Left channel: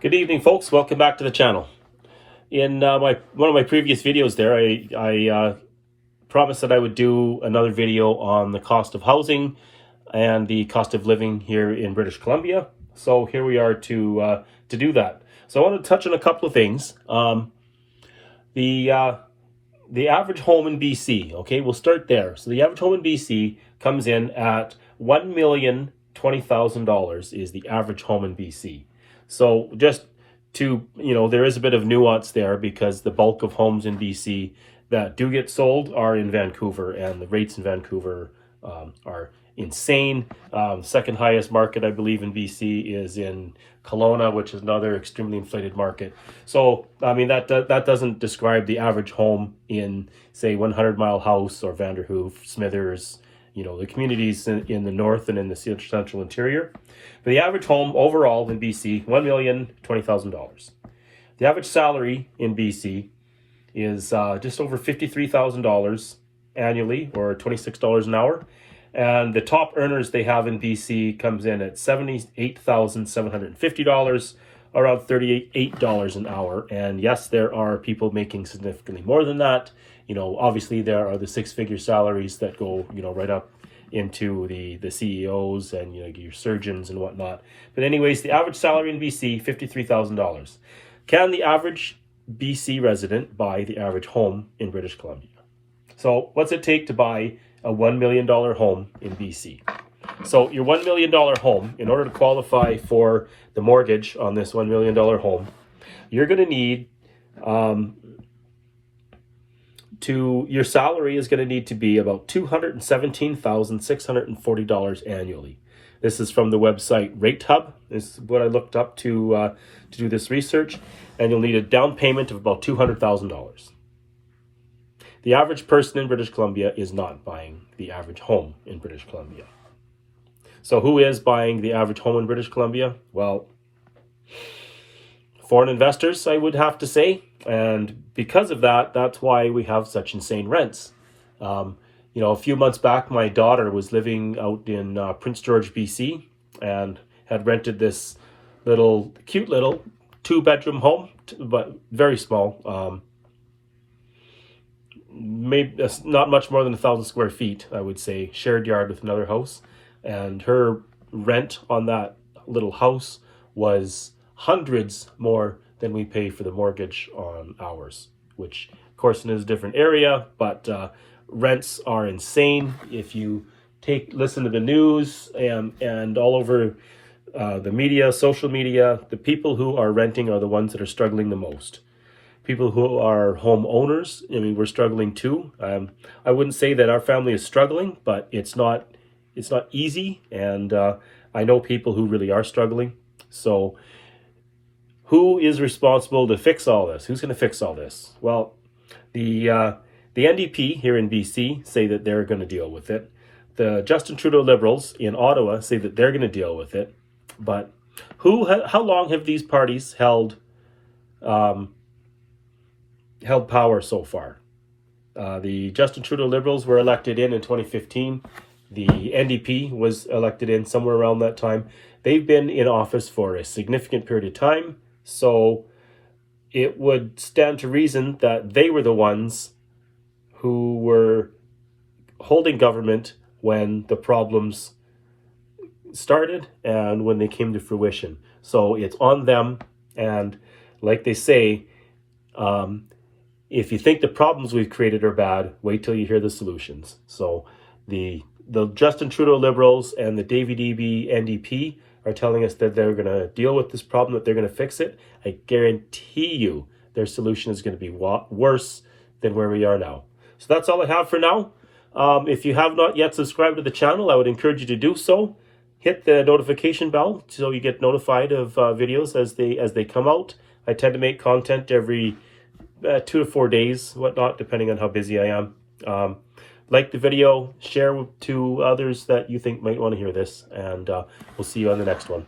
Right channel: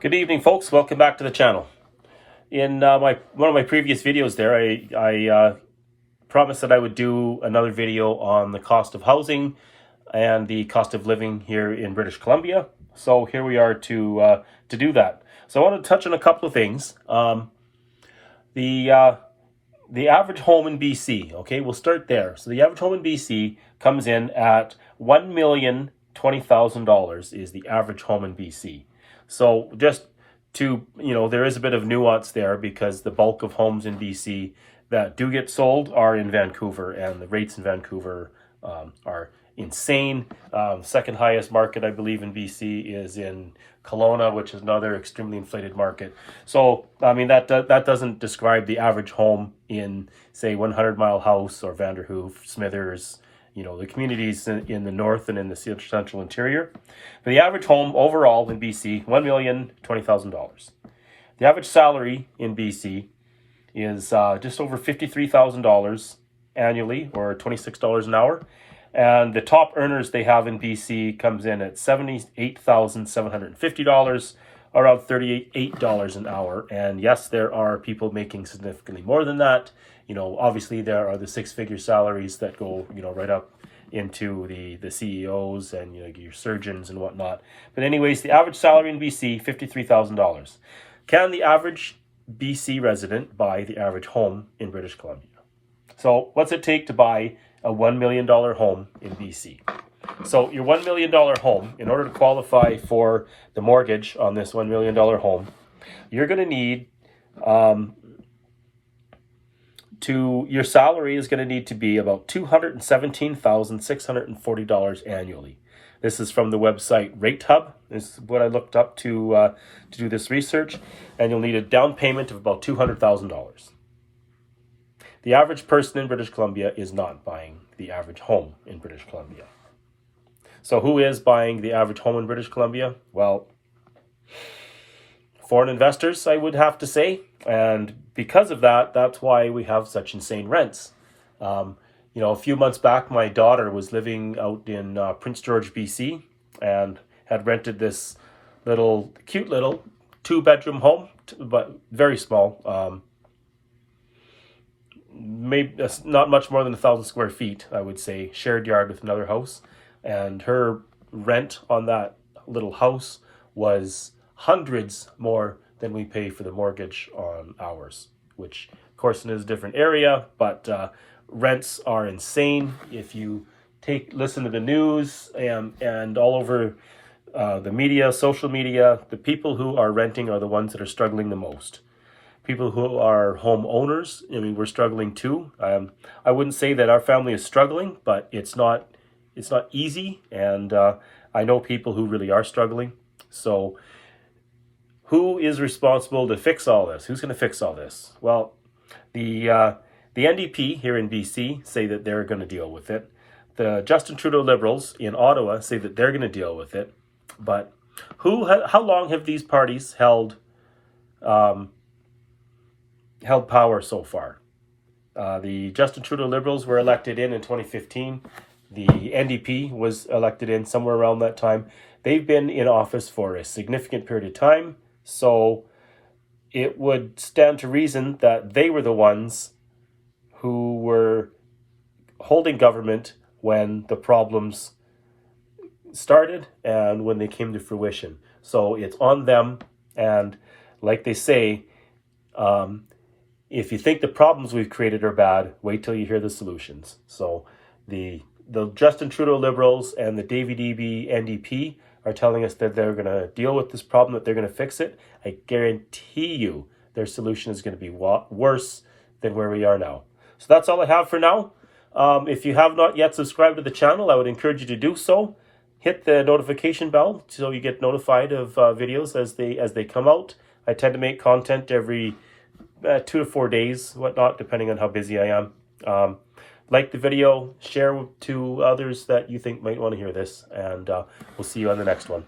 Good evening, folks. Welcome back to the channel. In one of my previous videos there, I promised that I would do another video on the cost of housing and the cost of living here in British Columbia. So here we are to do that. So I want to touch on a couple of things. The average home in BC, okay, we'll start there. So the average home in BC comes in at $1,020,000 is the average home in BC. So just to, there is a bit of nuance there because the bulk of homes in BC that do get sold are in Vancouver, and the rates in Vancouver are insane. Second highest market, I believe, in BC is in Kelowna, which is another extremely inflated market. So, I mean, that doesn't describe the average home in, say, 100 Mile House or Vanderhoof, Smithers, the communities in the north and in the central interior. But the average home overall in BC, $1,020,000. The average salary in BC is just over $53,000 annually, or $26 an hour. And the top earners they have in BC comes in at $78,750, around $38 an hour. And yes, there are people making significantly more than that. Obviously there are the six-figure salaries that go, right up into the CEOs and, your surgeons and whatnot. But anyways, the average salary in BC, $53,000. Can the average BC resident buy the average home in British Columbia? So what's it take to buy a $1 million home in BC? So your $1 million home, in order to qualify for the mortgage on this $1 million home, you're going to need your salary is going to need to be about $217,640 annually. This is from the website RateHub. This is what I looked up to do this research, and you'll need a down payment of about $200,000. The average person in British Columbia is not buying the average home in British Columbia. So who is buying the average home in British Columbia? Well, foreign investors, I would have to say. And because of that, that's why we have such insane rents. A few months back, my daughter was living out in Prince George, BC, and had rented this cute little 2-bedroom home, but very small. Maybe not much more than 1,000 square feet, I would say, shared yard with another house. And her rent on that little house was hundreds more than we pay for the mortgage on ours, which of course is a different area, but rents are insane. If you listen to the news and all over the media, social media, the people who are renting are the ones that are struggling the most. People who are home owners, we're struggling too. I wouldn't say that our family is struggling, but it's not easy, and I know people who really are struggling. So who is responsible to fix all this? Who's going to fix all this? Well, the NDP here in BC say that they're going to deal with it. The Justin Trudeau Liberals in Ottawa say that they're going to deal with it. But how long have these parties held power so far? The Justin Trudeau Liberals were elected in 2015. The NDP was elected in somewhere around that time. They've been in office for a significant period of time. So it would stand to reason that they were the ones who were holding government when the problems started and when they came to fruition. So it's on them. And like they say, if you think the problems we've created are bad, wait till you hear the solutions. So the Justin Trudeau Liberals and the David Eby NDP are telling us that they're going to deal with this problem, that they're going to fix it. I guarantee you their solution is going to be worse than where we are now. So that's all I have for now. If you have not yet subscribed to the channel, I would encourage you to do so. Hit the notification bell so you get notified of videos as they come out. I tend to make content every 2 to 4 days, whatnot, depending on how busy I am. Like the video, share to others that you think might want to hear this, and we'll see you on the next one.